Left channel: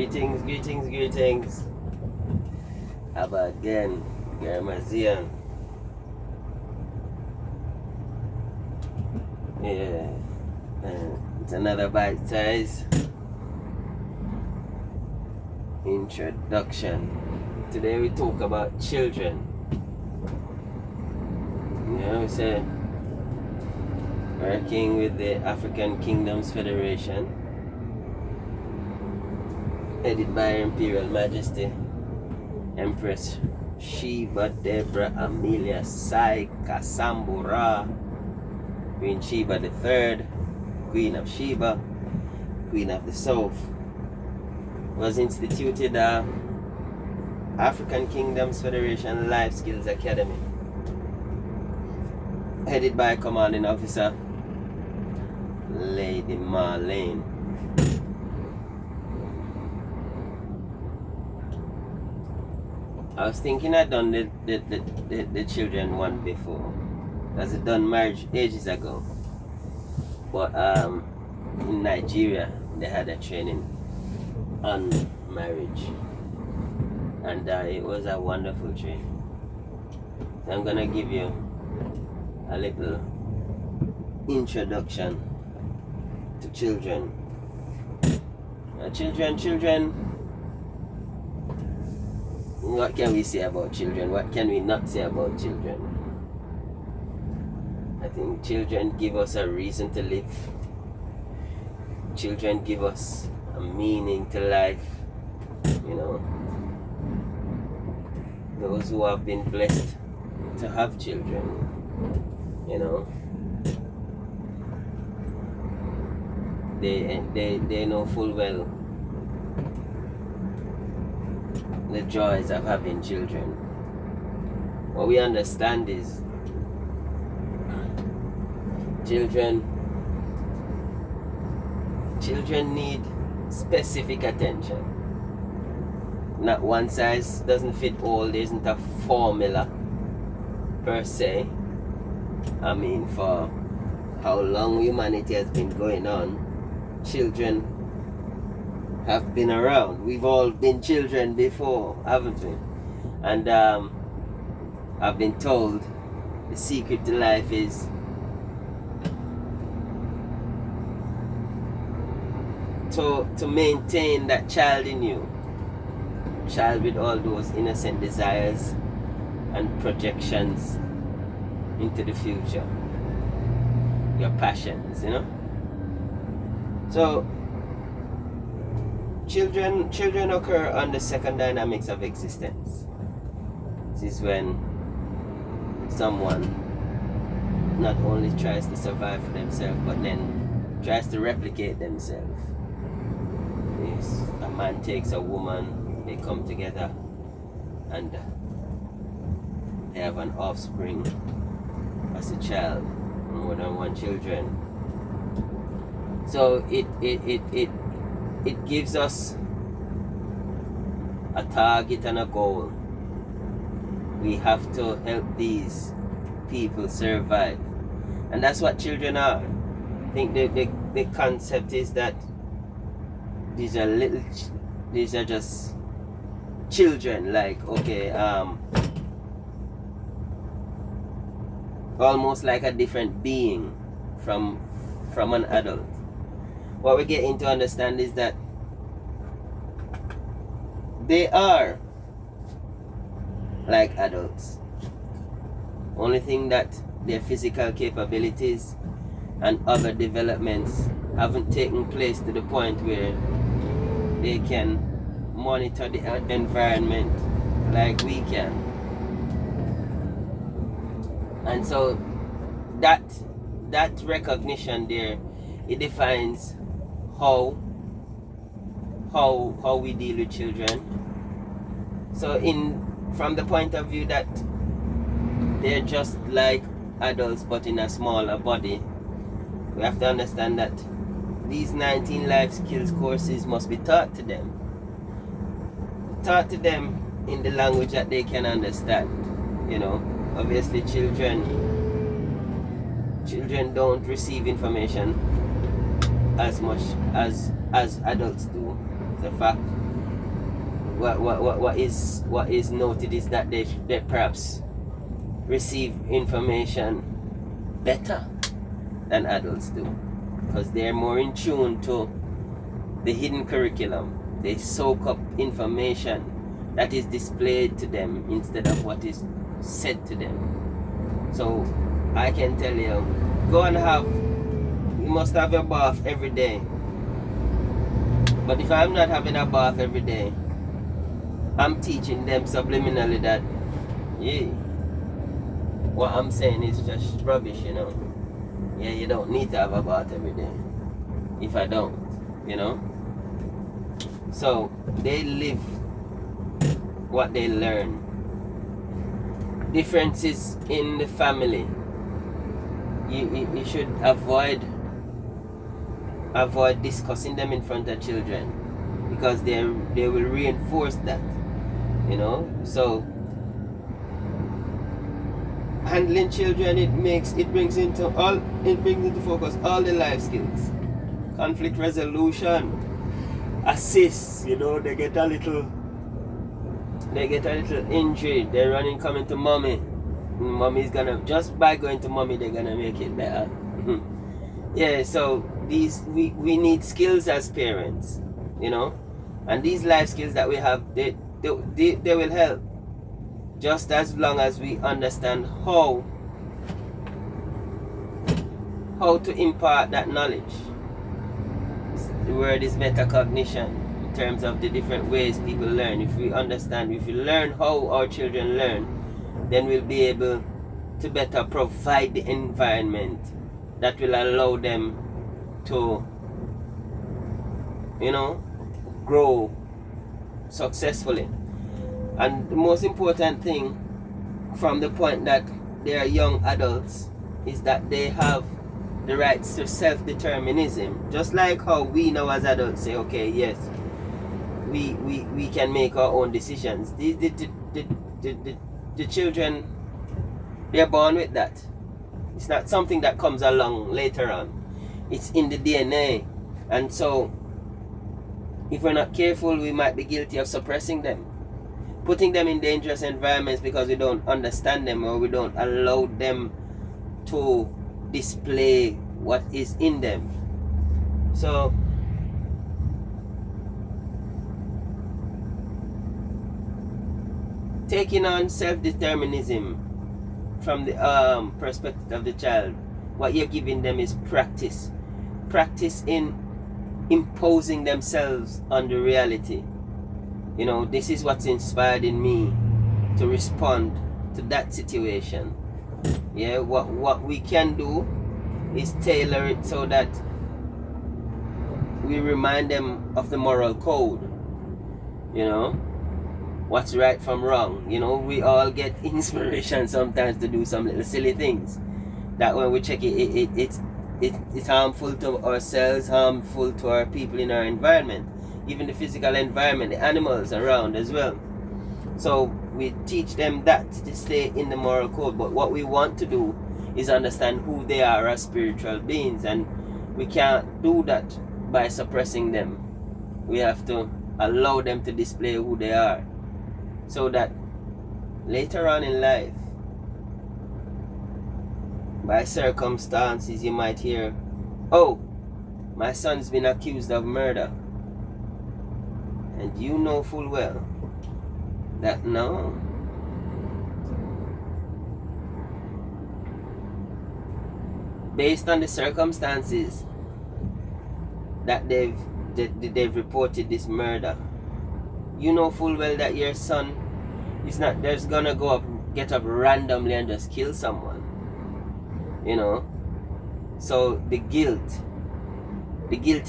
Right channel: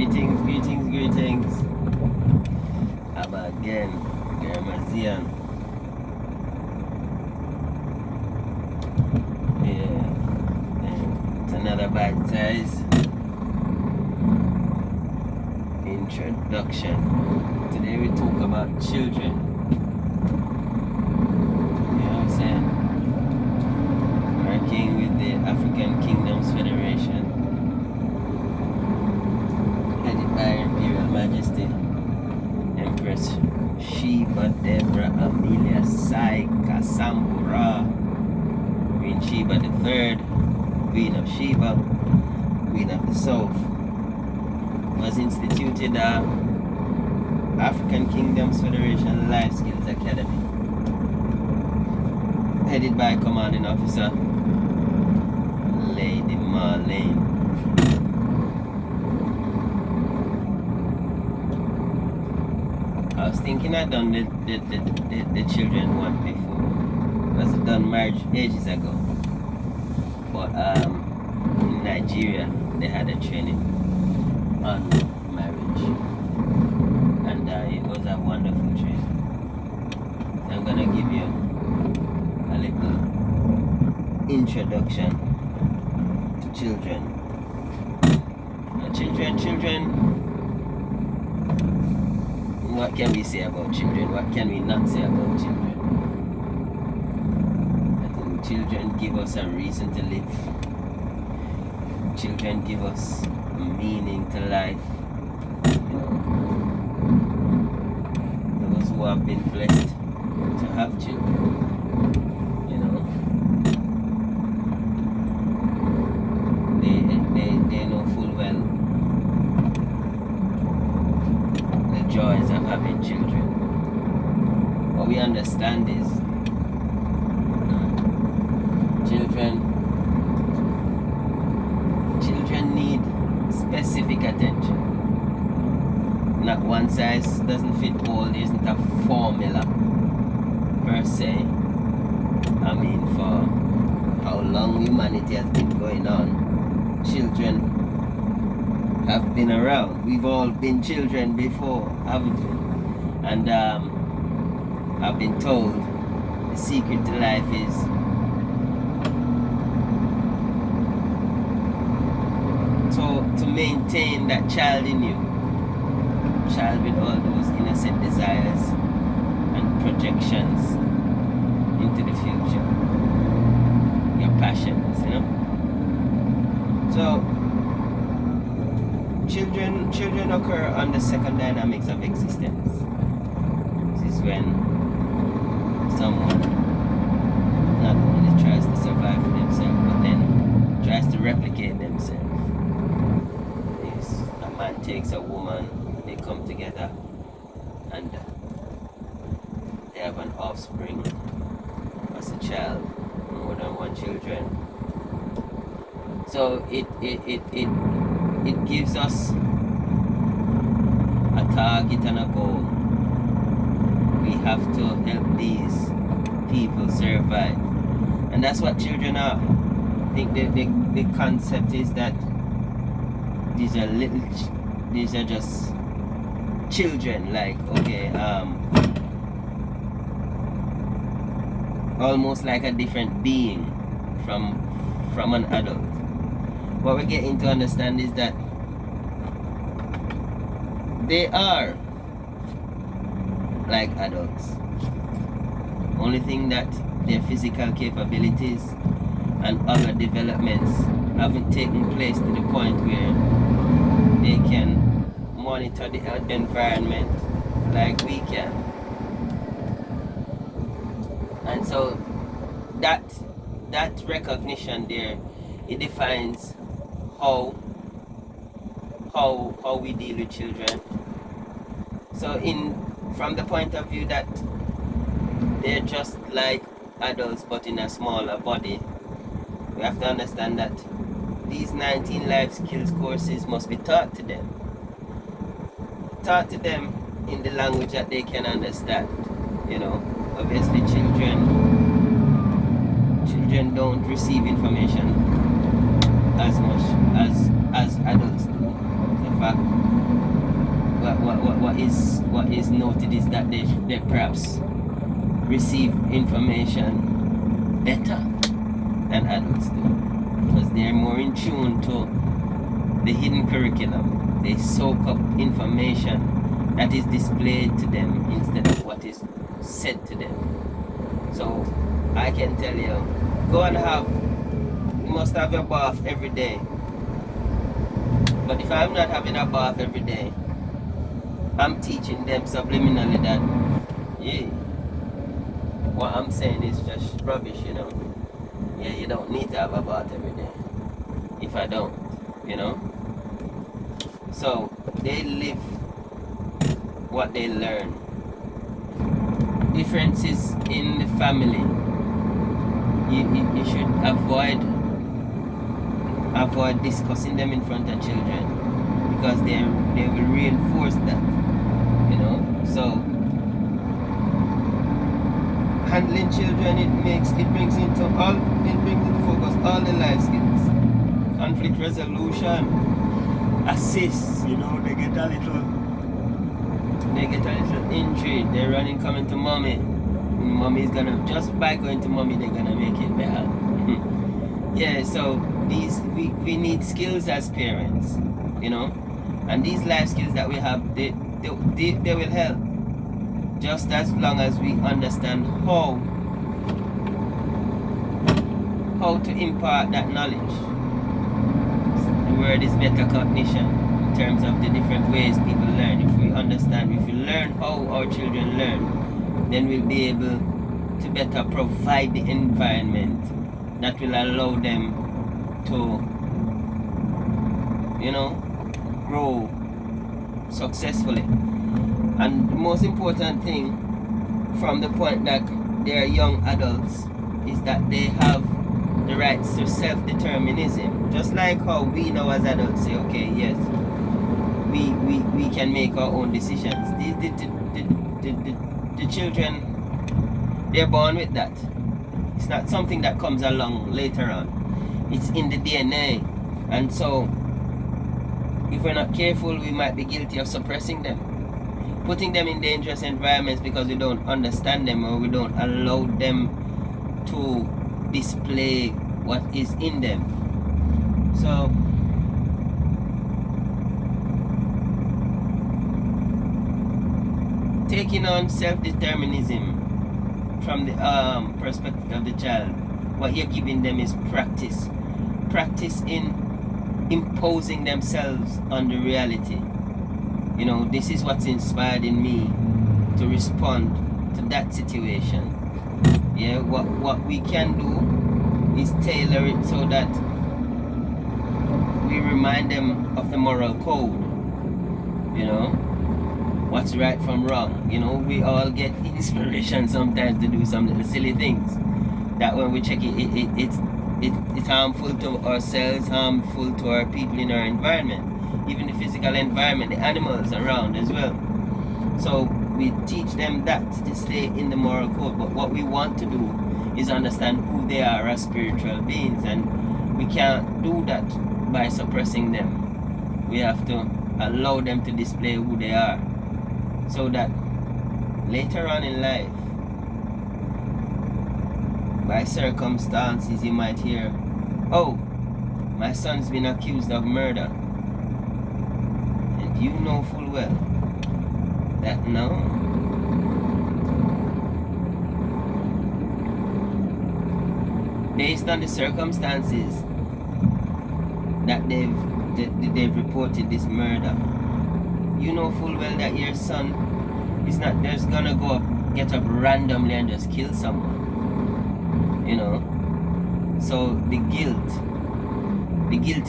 Greetings. Abba again, Garmazian. Yeah, and it's another bite size introduction. Today we talk about children. You know what I'm saying? Working with the African Kingdoms Federation, headed by Her Imperial Majesty Empress Sheba Deborah Amelia Sai Kasambura, Queen Sheba III, Queen of Sheba, Queen of the South, was instituted African Kingdoms Federation Life Skills Academy, headed by Commanding Officer Lady Marlene. I was thinking I'd done the children one before, because I'd done marriage ages ago. But in Nigeria they had a training on marriage, and it was a wonderful training. So I'm gonna give you a little introduction to children. Children. What can we say about children? What can we not say about children? I think children give us a reason to live. Children give us a meaning to life. You know, those who have been blessed to have children, you know, they know full well the joys of having children. What we understand is children need specific attention. Not one size doesn't fit all. There isn't a formula per se. I mean, for how long humanity has been going on, children have been around. We've all been children before, haven't we? And I've been told the secret to life is to maintain that child in you, child with all those innocent desires and projections into the future, your passions, you know. So children occur under second dynamics of existence. This is when someone not only tries to survive for themselves, but then tries to replicate themselves. A man takes a woman, they come together, and they have an offspring as a child, more than one children. So it gives us a target and a goal. We have to help these people survive, and that's what children are. I think the concept is that these are just children, like, okay, almost like a different being from an adult. What we're getting to understand is that they are like adults. Only thing that their physical capabilities and other developments haven't taken place to the point where they can monitor the environment like we can. And so that recognition there, it defines how we deal with children. So from the point of view that they're just like adults but in a smaller body, we have to understand that these 19 life skills courses must be taught to them. Taught to them in the language that they can understand. You know, obviously children don't receive information as much as adults do. So the fact, what is noted is that they perhaps receive information better than adults do, because they're more in tune to the hidden curriculum. They soak up information that is displayed to them instead of what is said to them. So I can tell you, you must have a bath every day. But if I'm not having a bath every day, I'm teaching them subliminally that, yeah, what I'm saying is just rubbish, you know. Yeah, you don't need to have a bath every day. If I don't, you know. So they live what they learn. Differences in the family. You should avoid discussing them in front of children, because they will reinforce that, you know. So handling children, it brings into focus all the life skills. Conflict resolution, assist, you know. They get a little injury, they're running, coming to mommy. Mommy's gonna, just by going to mommy, they're gonna make it better. Yeah, so we need skills as parents, you know, and these life skills that we have, they will help, just as long as we understand how to impart that knowledge. The word is metacognition, in terms of the different ways people learn. If we learn how our children learn, then we'll be able to better provide the environment that will allow them to, you know, grow successfully. And the most important thing from the point that they are young adults is that they have the rights to self-determinism. Just like how we now as adults say, okay, yes, we can make our own decisions. The children, they're born with that. It's not something that comes along later on. It's in the DNA. And so, if we're not careful, we might be guilty of suppressing them, putting them in dangerous environments because we don't understand them, or we don't allow them to display what is in them. So, taking on self-determinism from the perspective of the child, what you're giving them is practice in imposing themselves on the reality. You know, this is what's inspired in me to respond to that situation. Yeah, what we can do is tailor it so that we remind them of the moral code, you know, what's right from wrong. You know, we all get inspiration sometimes to do some little silly things that when we check it's harmful to ourselves, harmful to our people in our environment, even the physical environment, the animals around as well. So we teach them that to stay in the moral code. But what we want to do is understand who they are as spiritual beings, and we can't do that by suppressing them. We have to allow them to display who they are, so that later on in life, by circumstances, you might hear, oh, my son's been accused of murder. And you know full well that no. Based on the circumstances that they've reported this murder, you know full well that your son is not just gonna get up randomly and just kill someone. You know, so the guilty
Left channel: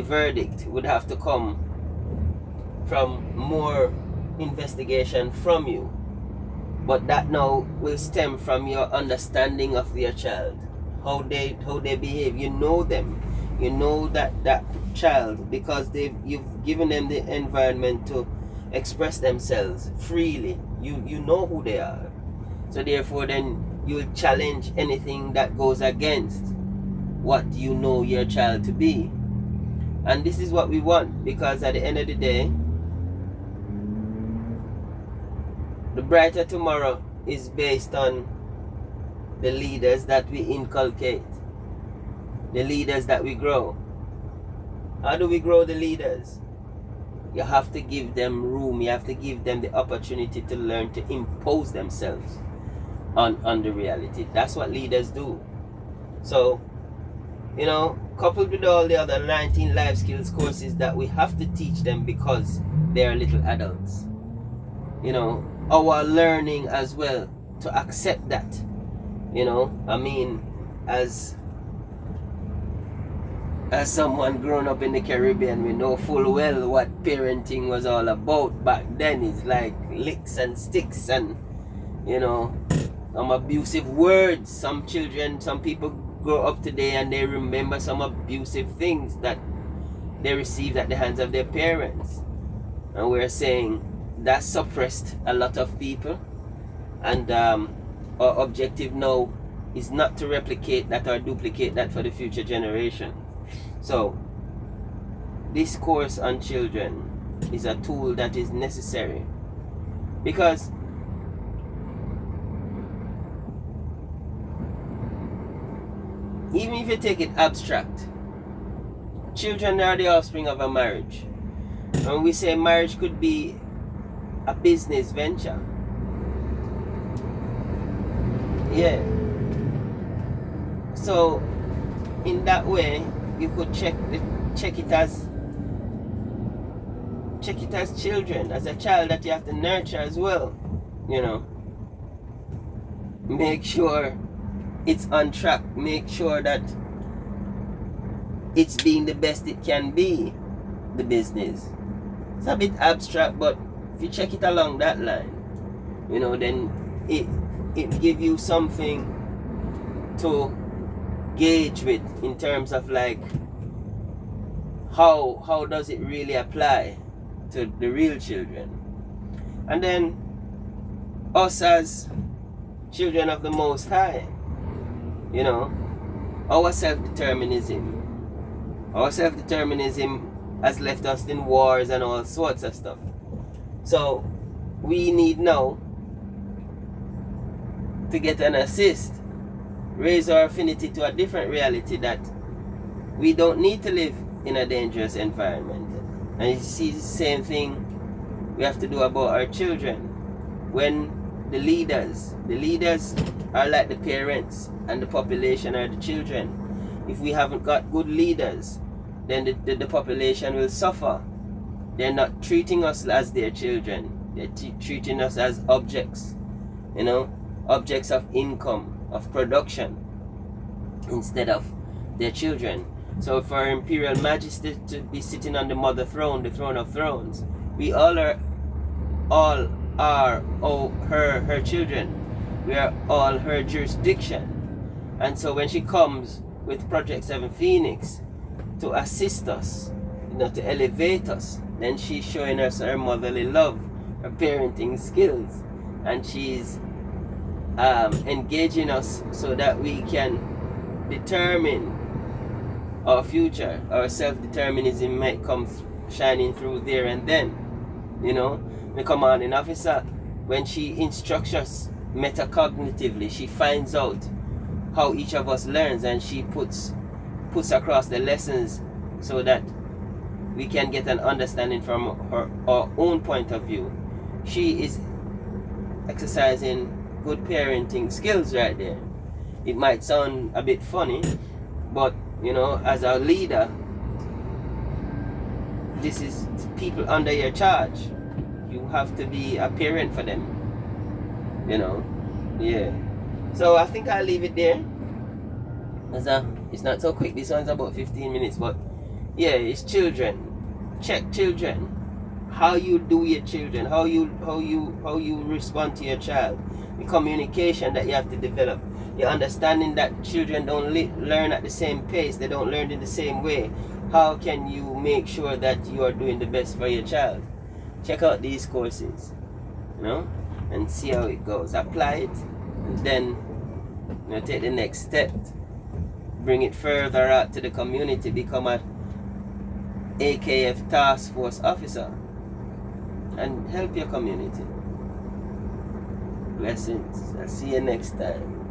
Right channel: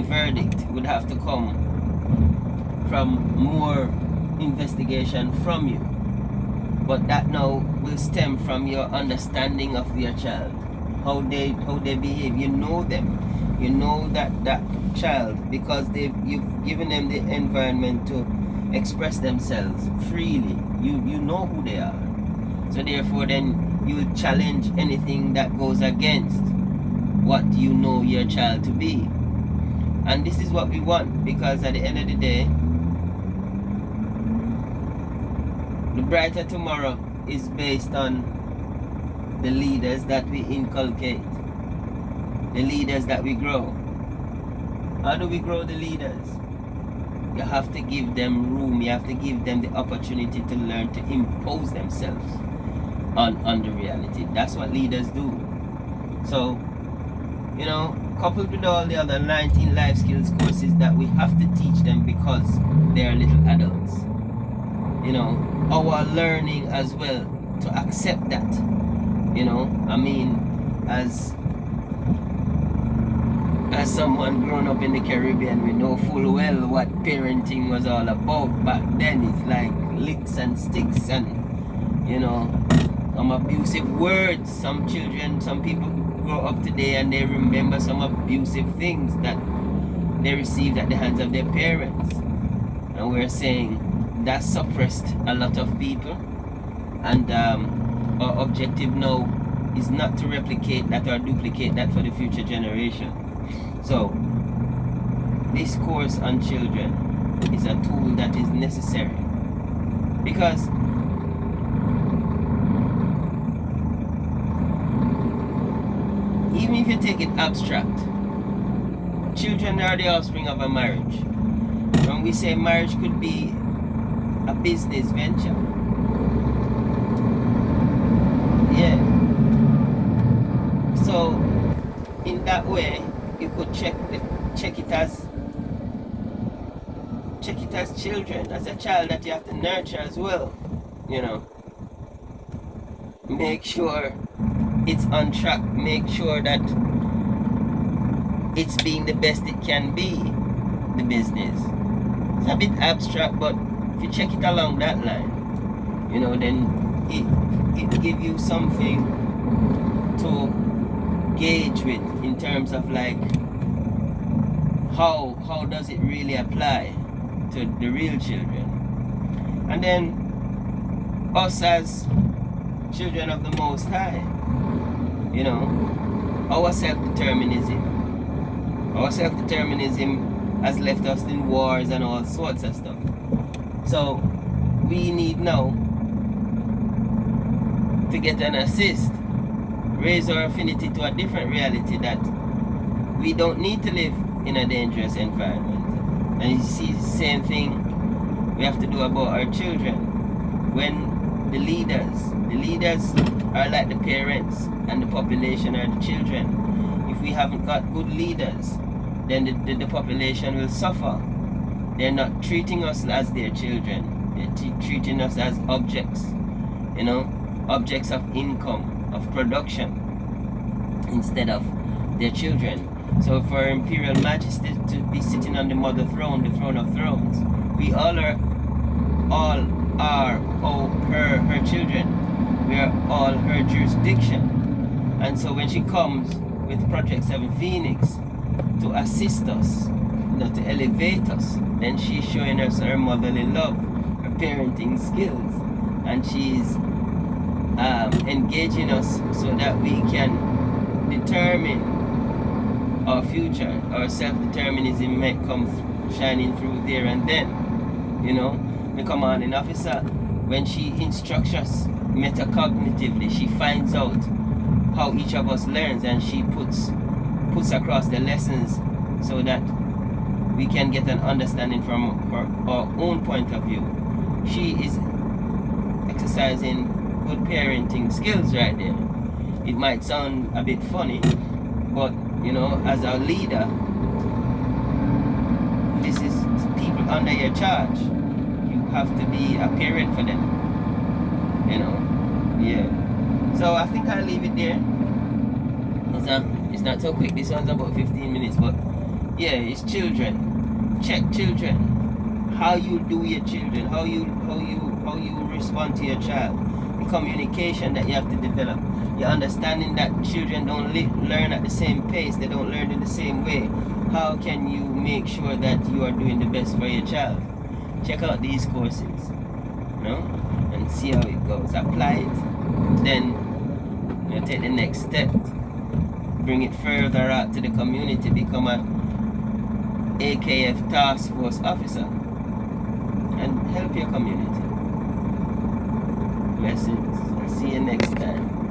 verdict would have to come from more investigation from you. But that now will stem from your understanding of your child, how they behave. You know them, you know that child, because you've given them the environment to express themselves freely. You know who they are, so therefore then you will challenge anything that goes against what you know your child to be. And this is what we want, because at the end of the day, The brighter tomorrow is based on the leaders that we inculcate, the leaders that we grow. How do we grow the leaders? You have to give them room, you have to give them the opportunity to learn to impose themselves on the reality. That's what leaders do. So, you know, coupled with all the other 19 life skills courses that we have to teach them because they are little adults. You know, our learning as well to accept that. You know, I mean, as someone grown up in the Caribbean, we know full well what parenting was all about. Back then, it's like licks and sticks and, you know, some abusive words. Some children, some people grow up today and they remember some abusive things that they received at the hands of their parents. And we're saying that suppressed a lot of people. And our objective now is not to replicate that or duplicate that for the future generation. So, this course on children is a tool that is necessary because even if you take it abstract, children are the offspring of a marriage. When we say marriage could be a business venture, yeah. So, in that way, you could check it as children, as a child that you have to nurture as well. You know, make sure it's on track. Make sure that it's being the best it can be. The business. It's a bit abstract, but if you check it along that line, you know, then it give you something to gauge with in terms of like how does it really apply to the real children. And then us as children of the Most High, you know, our self-determinism has left us in wars and all sorts of stuff. So we need now to get an assist, raise our affinity to a different reality, that we don't need to live in a dangerous environment. And you see the same thing we have to do about our children. When the leaders are like the parents and the population are the children. If we haven't got good leaders, then the population will suffer. They're not treating us as their children. They're treating us as objects, you know, objects of income, of production, instead of their children. So for Imperial Majesty to be sitting on the mother throne, the throne of thrones, we all are her children. We are all her jurisdiction. And so when she comes with Project 7 Phoenix to assist us, you know, to elevate us, then she's showing us her motherly love, her parenting skills, and she's engaging us so that we can determine our future. Our self-determinism might come shining through there and then. You know, the commanding officer, when she instructs us metacognitively, she finds out how each of us learns, and she puts across the lessons so that we can get an understanding from our own point of view. She is exercising good parenting skills right there. It might sound a bit funny, but you know, as our leader, this is people under your charge. You have to be a parent for them, you know. Yeah. So I think I'll leave it there. It's not so quick. This one's about 15 minutes, but yeah, it's children. Check children. How you do your children, how you respond to your child. The communication that you have to develop. Your understanding that children don't learn at the same pace, they don't learn in the same way. How can you make sure that you are doing the best for your child? Check out these courses, you know, and see how it goes. Apply it, then you know, take the next step. Bring it further out to the community. Become a AKF task force officer and help your community. Blessings. I'll see you next time.